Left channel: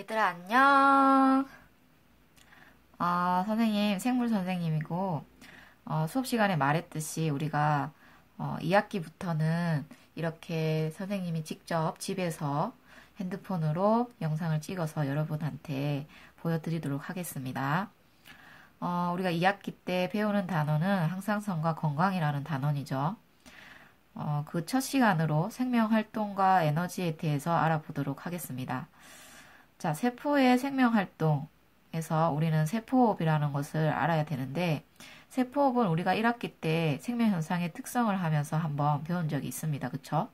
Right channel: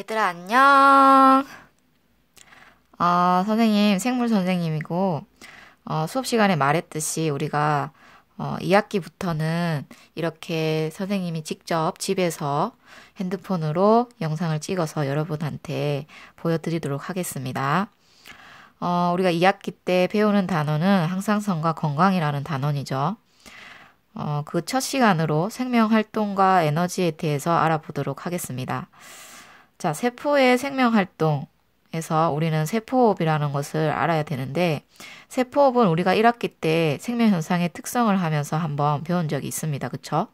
얘들아, 안녕. 선생님, 생물 선생님이고, 수업 시간에 말했듯이 우리가 2학기부터는 이렇게 선생님이 직접 집에서 핸드폰으로 영상을 찍어서 여러분한테 보여드리도록 하겠습니다. 우리가 2학기 때 배우는 단어는 항상성과 건강이라는 단원이죠. 그 첫 시간으로 생명 활동과 에너지에 대해서 알아보도록 하겠습니다. 자, 세포의 생명 활동에서 우리는 세포호흡이라는 것을 알아야 되는데, 세포호흡은 우리가 1학기 때 생명 현상의 특성을 하면서 한번 배운 적이 있습니다. 그쵸?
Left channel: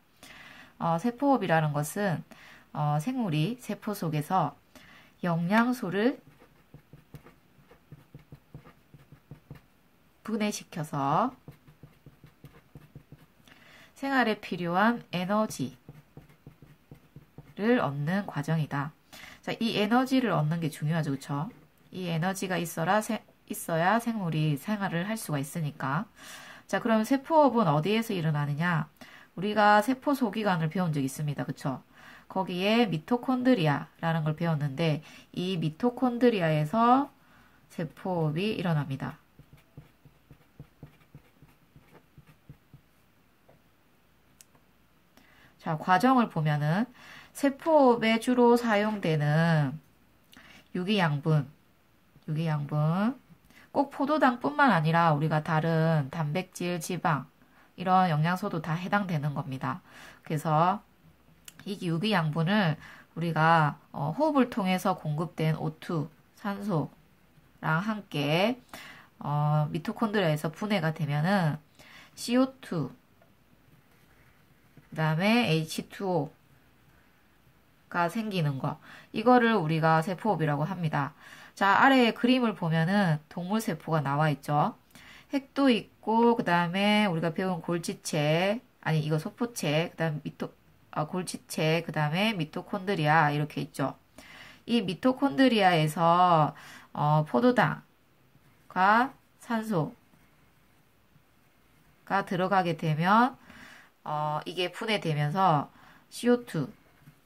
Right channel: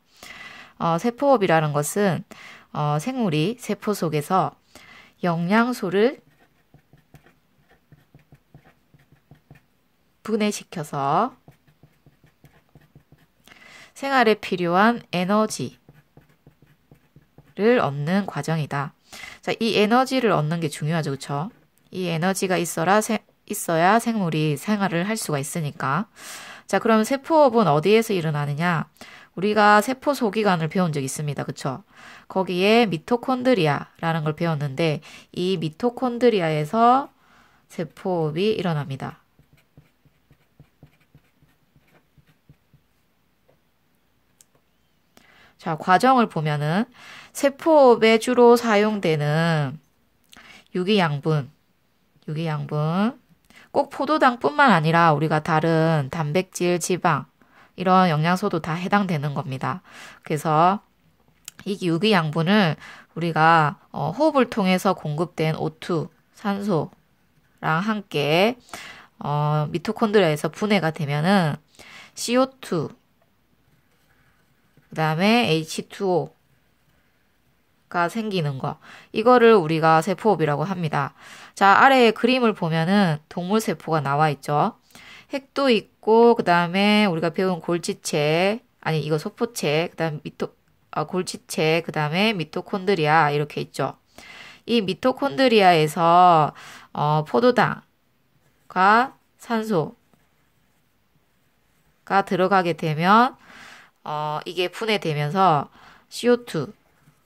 세포호흡이라는 것은 생물이 세포 속에서 영양소를 분해시켜서 생활에 필요한 에너지를 얻는 과정이다. 자, 이 에너지를 얻는 게 중요하죠. 그쵸? 이 에너지가 있어야 생물이 생활을 할 수가 있으니까. 자, 그럼 세포호흡은 어디에서 일어나느냐? 우리가 세포 소기관을 배운 적 있습니다. 그쵸? 거기에 미토콘드리아라는 걸 배웠는데, 이 미토콘드리아에서 세포호흡이 일어납니다. 자, 과정을 보면은 세포호흡에 주로 사용되는 유기양분, 꼭 포도당뿐만 아니라 우리가 다른 단백질, 지방, 이런 영양소도 다 해당되는 겁니다. 그래서 이 유기양분을 우리가 호흡을 통해서 공급된 O2, 산소랑 함께 미토콘드리아에서 분해가 되면은 CO2, 그 다음에 H2O가 생기는 거. 이거를 우리가 세포호흡이라고 합니다. 자, 아래에 그림을 보면은 동물 세포가 나와 있죠. 핵도 있고, 그 다음에 우리가 배운 골지체, 아니, 이거 소포체, 그 다음에 골지체, 그 다음에 미토콘드리아, 이렇게 있죠. 이 미토콘드리아에서, 포도당과 산소가 들어가게 되면, 이게 분해되면서 CO2와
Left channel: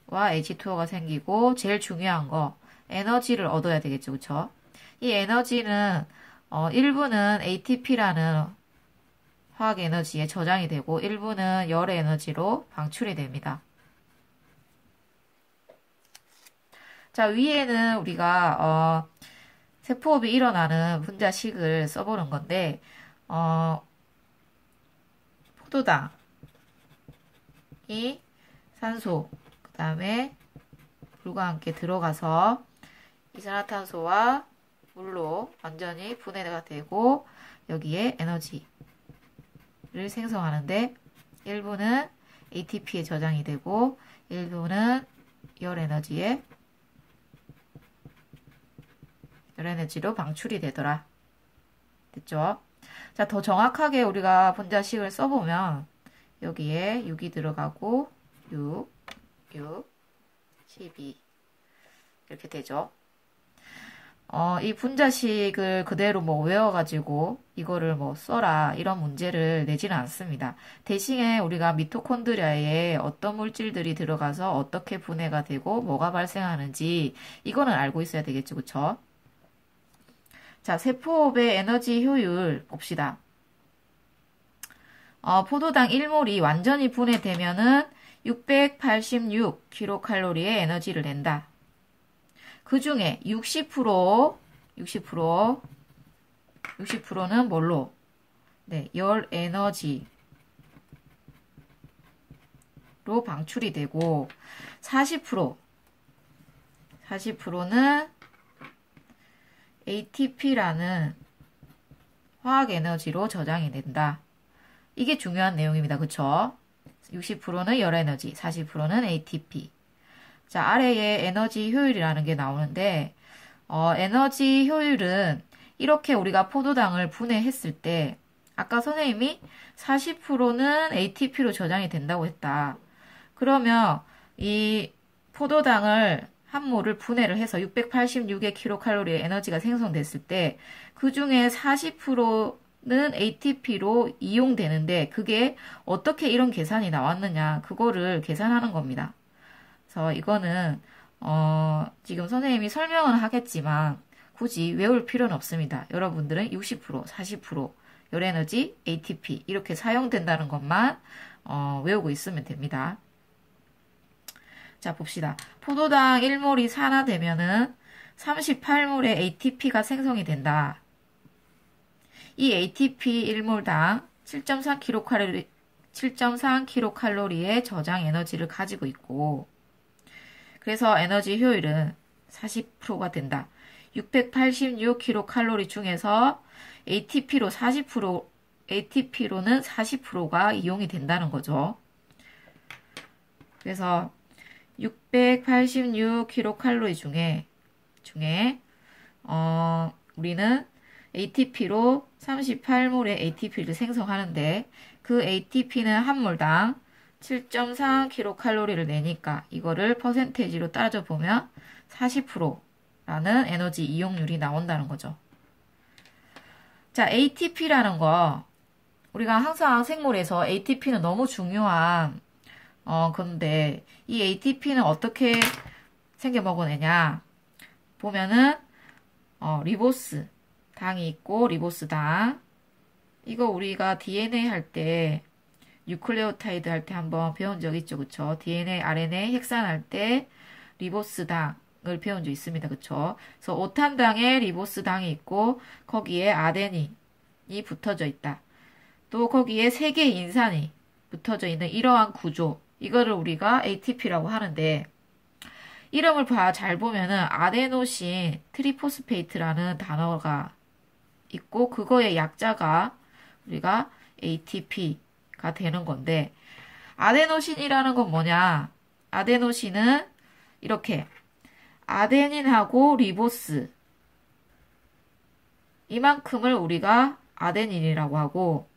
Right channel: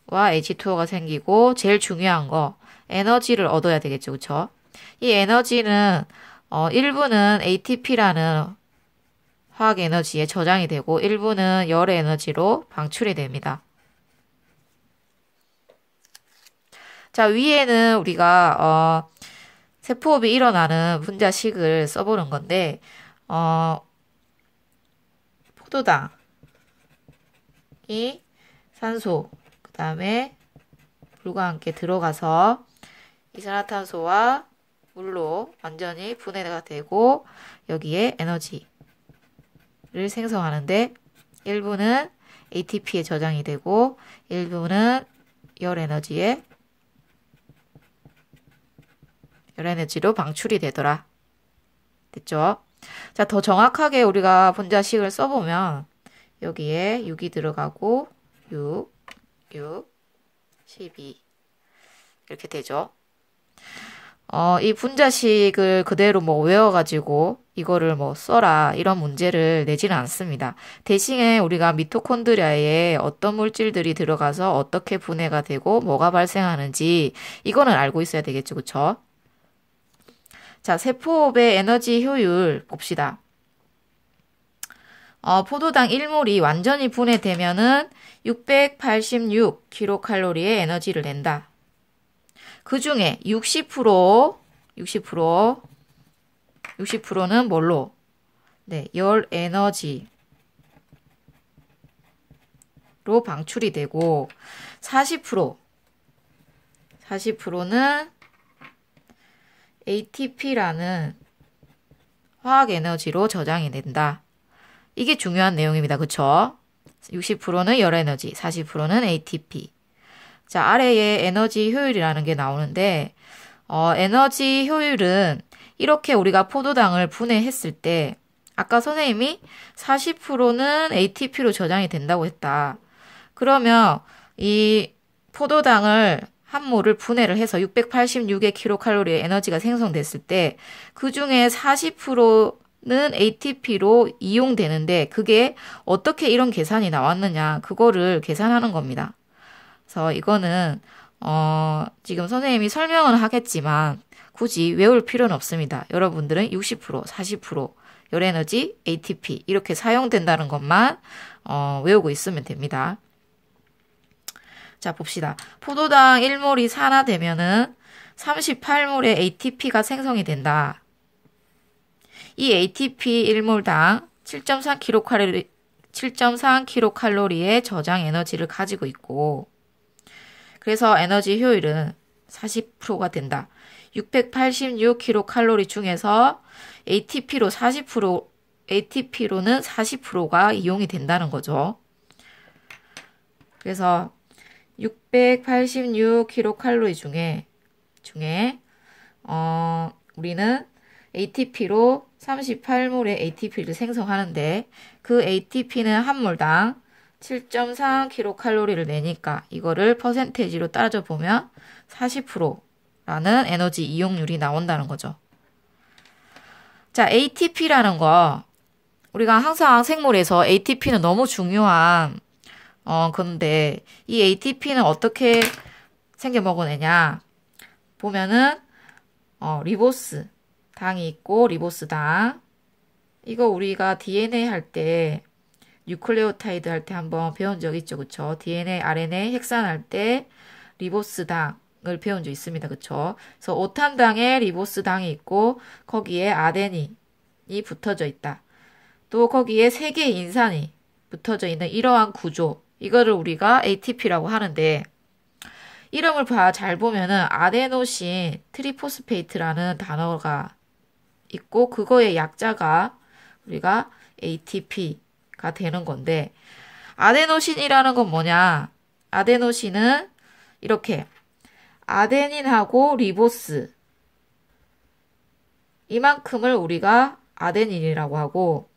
H2O가 생기고 제일 중요한 거 에너지를 얻어야 되겠죠. 그쵸? 이 에너지는 일부는 ATP라는 화학 에너지에 저장이 되고 일부는 열의 에너지로 방출이 됩니다. 자, 위에는 우리가 세포호흡이 일어나는 분자식을 써보는 건데 포도당 이 산소, 그 다음에 물과 함께 들어가서 이산화탄소와 물로 완전히 분해가 되고 여기에 에너지를 생성하는데 일부는 ATP에 저장이 되고 일부는 열 에너지로 방출이 되더라. 됐죠? 자, 더 정확하게 우리가 분자식을 써보면 여기에 6이 들어가고 6, 12 이렇게 되죠. 이 분자식을 그대로 뭐 외워가지고 이거를 뭐 써라 이런 문제를 내지는 않습니다. 대신에 우리가 미토콘드리아에 어떤 물질들이 들어가서 어떻게 분해가 되고 뭐가 발생하는지 이거는 알고 있어야 되겠죠. 그쵸? 자, 세포호흡의 에너지 효율 봅시다. 포도당 1몰이 완전히 분해되면은 686kcal의 에너지를 낸다. 그 중에 60%는 뭘로? 네, 열 에너지로 방출이 되고 40%는 ATP라는 화학 에너지로 저장이 된다. 이게 중요한 내용입니다. 그쵸? 60%는 열에너지, 40%는 ATP. 자, 아래에 에너지 효율이라는 게 나오는데, 에너지 효율은 이렇게 우리가 포도당을 분해했을 때, 아까 선생님이 40%는 ATP로 저장이 된다고 했다. 그러면 이 포도당을 한 몰을 분해를 해서 686의 킬로칼로리의 에너지가 생성됐을 때, 그 중에 40%는 ATP로 이용되는데, 그게 어떻게 이런 계산이 나왔느냐, 그거를 계산하는 겁니다. 그래서 이거는 지금 선생님이 설명은 하겠지만 굳이 외울 필요는 없습니다. 여러분들은 60%, 40% 열에너지, ATP 이렇게 사용된다는 것만 외우고 있으면 됩니다. 자, 봅시다. 포도당 1몰이 산화되면은 38몰의 ATP가 생성이 된다. 이 ATP 1몰당 7.3kcal의 저장 에너지를 가지고 있고, 그래서 에너지 효율은 40%가 된다. 686kcal 중에서 ATP로는 40%가 이용이 된다는 거죠. 그래서 686kcal 중에 우리는 ATP로 38몰의 ATP를 생성하는데 그 ATP는 한 몰당 7.3kcal를 내니까 이거를 퍼센테이지로 따져보면 40%라는 에너지 이용률이 나온다는 거죠. 자, ATP라는 거 우리가 항상 생물에서 ATP는 너무 중요한 건데 이 ATP는 어떻게 생겨 먹어내냐 보면은 리보스 당이 있고 리보스 당 이거 우리가 DNA 할 때 뉴클레오타이드 할 때 한번 배운 적 있죠, 그쵸? DNA, RNA 핵산할 때 리보스 당을 배운 적 있습니다, 그쵸? 그래서 오탄당에 리보스 당이 있고 거기에 아데닌이 붙어져 있다. 또 거기에 3개의 인산이 붙어져 있는 이러한 구조 이거를 우리가 ATP라고 하는데 이름을 잘 보면은 아데노신 트리포스페이트라는 단어가 있고 그거의 약자가 우리가 ATP가 되는 건데 아데노신이라는 건 뭐냐? 아데노신은 이렇게 아데닌하고 리보스 이만큼을 우리가 아데닌이라고 하고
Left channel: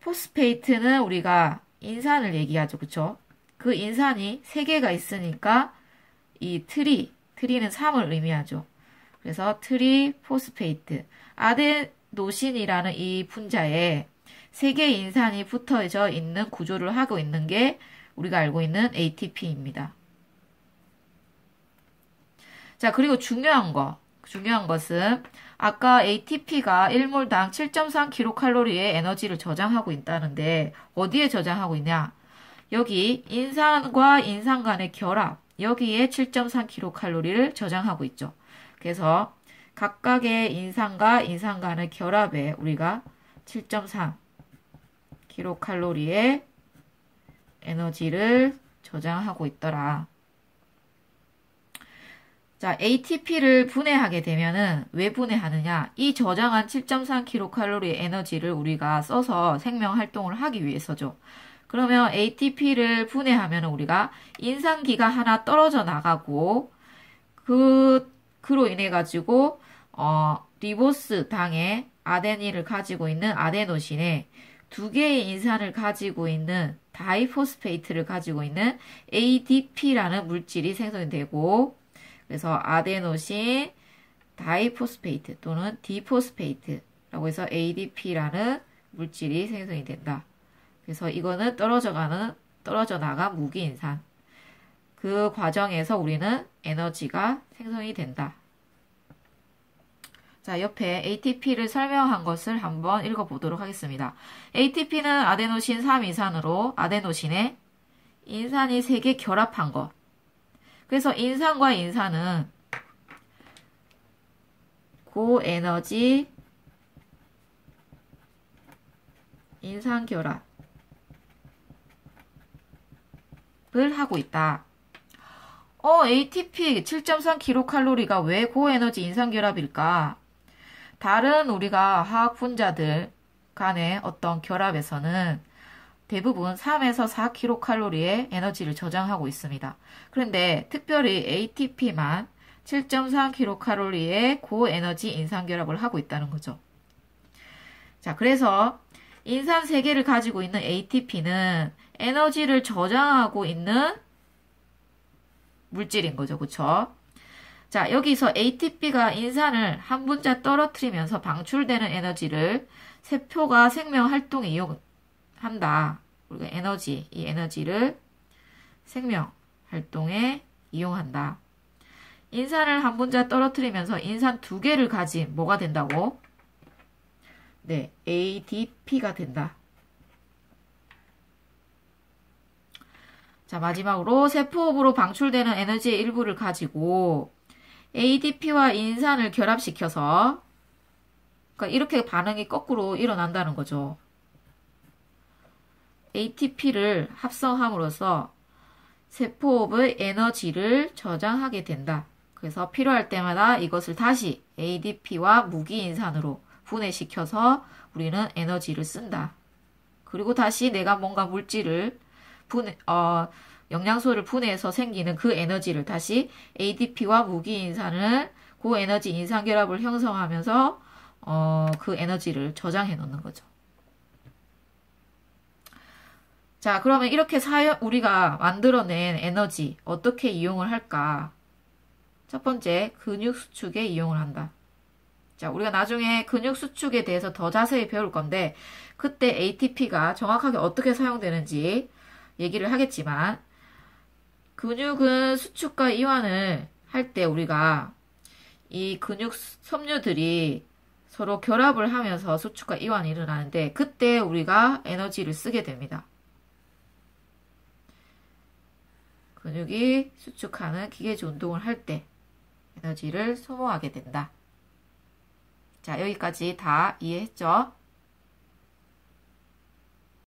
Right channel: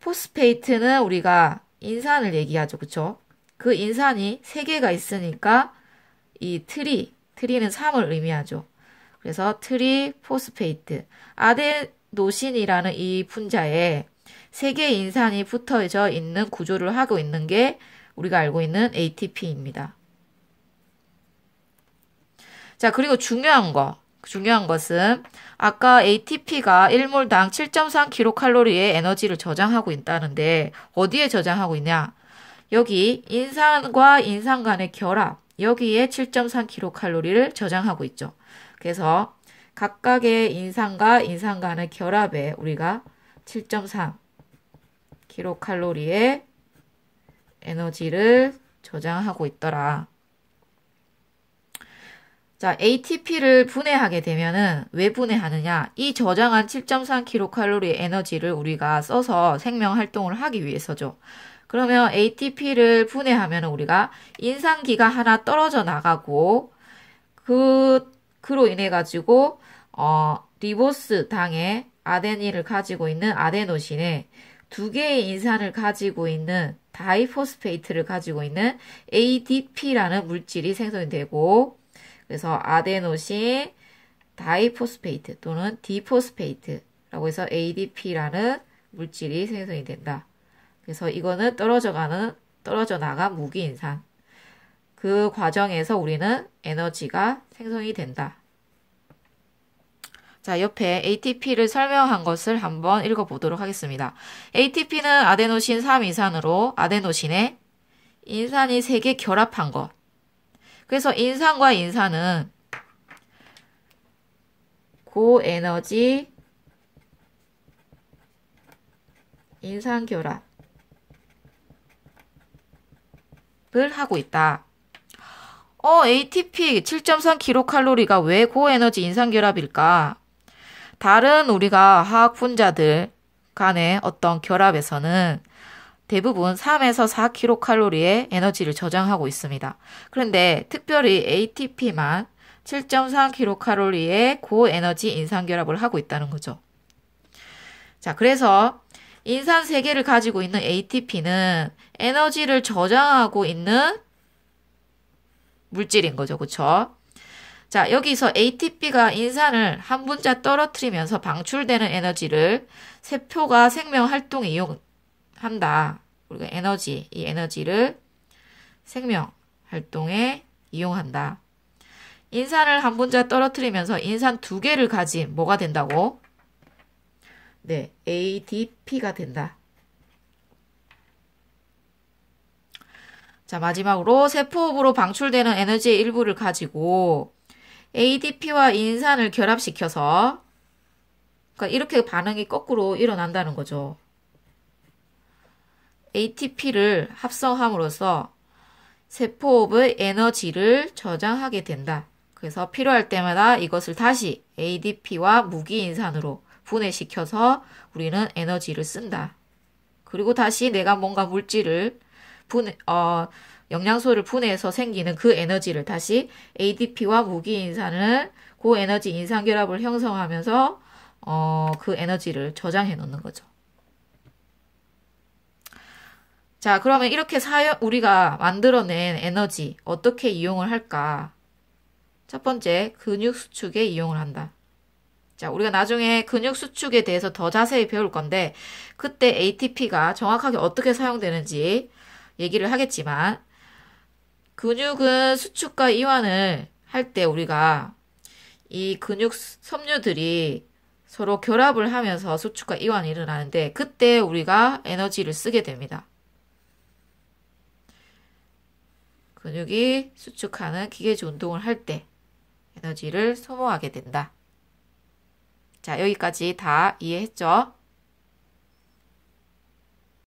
포스페이트는 우리가 인산을 얘기하죠. 그쵸? 그 인산이 3개가 있으니까 이 트리는 3을 의미하죠. 그래서 트리포스페이트 아데노신이라는 이 분자에 3개의 인산이 붙어져 있는 구조를 하고 있는 게 우리가 알고 있는 ATP입니다. 자, 그리고 중요한 것은 아까 ATP가 1몰당 7.3kcal의 에너지를 저장하고 있다는데 어디에 저장하고 있냐? 여기 인산과 인산 간의 결합 여기에 7.3kcal를 저장하고 있죠. 그래서 각각의 인산과 인산 간의 결합에 우리가 7.3kcal의 에너지를 저장하고 있더라. 자, ATP를 분해하게 되면은 왜 분해하느냐? 이 저장한 7.3kcal의 에너지를 우리가 써서 생명 활동을 하기 위해서죠. 그러면 ATP를 분해하면 우리가 인산기가 하나 떨어져 나가고 그로 인해 가지고 리보스 당에 아데닌을 가지고 있는 아데노신에 2개의 인산을 가지고 있는 다이포스페이트를 가지고 있는 ADP라는 물질이 생성이 되고 그래서 아데노신 다이포스페이트 또는 디포스페이트라고 해서 ADP라는 물질이 생성이 된다. 그래서 이거는 떨어져 나간 무기인산. 그 과정에서 우리는 에너지가 생성이 된다. 자, 옆에 ATP를 설명한 것을 한번 읽어보도록 하겠습니다. ATP는 아데노신 3인산으로 아데노신에 인산이 3개 결합한 것. 그래서 인산과 인산은 고에너지 인산 결합을 하고 있다. ATP 7.3kcal가 왜 고에너지 인산 결합일까? 다른 우리가 화학 분자들 간의 어떤 결합에서는 대부분 3에서 4kcal의 에너지를 저장하고 있습니다. 그런데 특별히 ATP만 7.3kcal의 고에너지 인산 결합을 하고 있다는 거죠. 자, 그래서 인산 3개를 가지고 있는 ATP는 에너지를 저장하고 있는 물질인 거죠. 그쵸? 자, 여기서 ATP가 인산을 한 분자 떨어뜨리면서 방출되는 에너지를 세포가 생명 활동에 이용한다. 우리가 이 에너지를 생명 활동에 이용한다. 인산을 한 분자 떨어뜨리면서 인산 두 개를 가진 뭐가 된다고? 네, ADP가 된다. 자, 마지막으로 세포호흡으로 방출되는 에너지의 일부를 가지고 ADP와 인산을 결합시켜서 그러니까 이렇게 반응이 거꾸로 일어난다는 거죠. ATP를 합성함으로써 세포호흡의 에너지를 저장하게 된다. 그래서 필요할 때마다 이것을 다시 ADP와 무기인산으로 분해시켜서 우리는 에너지를 쓴다. 그리고 다시 내가 뭔가 물질을 영양소를 분해해서 생기는 그 에너지를 다시 ADP와 무기인산을 고에너지 인산결합을 형성하면서 그 에너지를 저장해 놓는 거죠. 자, 그러면 이렇게 우리가 만들어낸 에너지 어떻게 이용을 할까? 첫 번째, 근육 수축에 이용을 한다. 자, 우리가 나중에 근육 수축에 대해서 더 자세히 배울 건데 그때 ATP가 정확하게 어떻게 사용되는지 얘기를 하겠지만 근육은 수축과 이완을 할 때 우리가 이 근육 섬유들이 서로 결합을 하면서 수축과 이완이 일어나는데 그때 우리가 에너지를 쓰게 됩니다. 근육이 수축하는 기계주 운동을 할 때 에너지를 소모하게 된다. 자, 여기까지 다 이해했죠?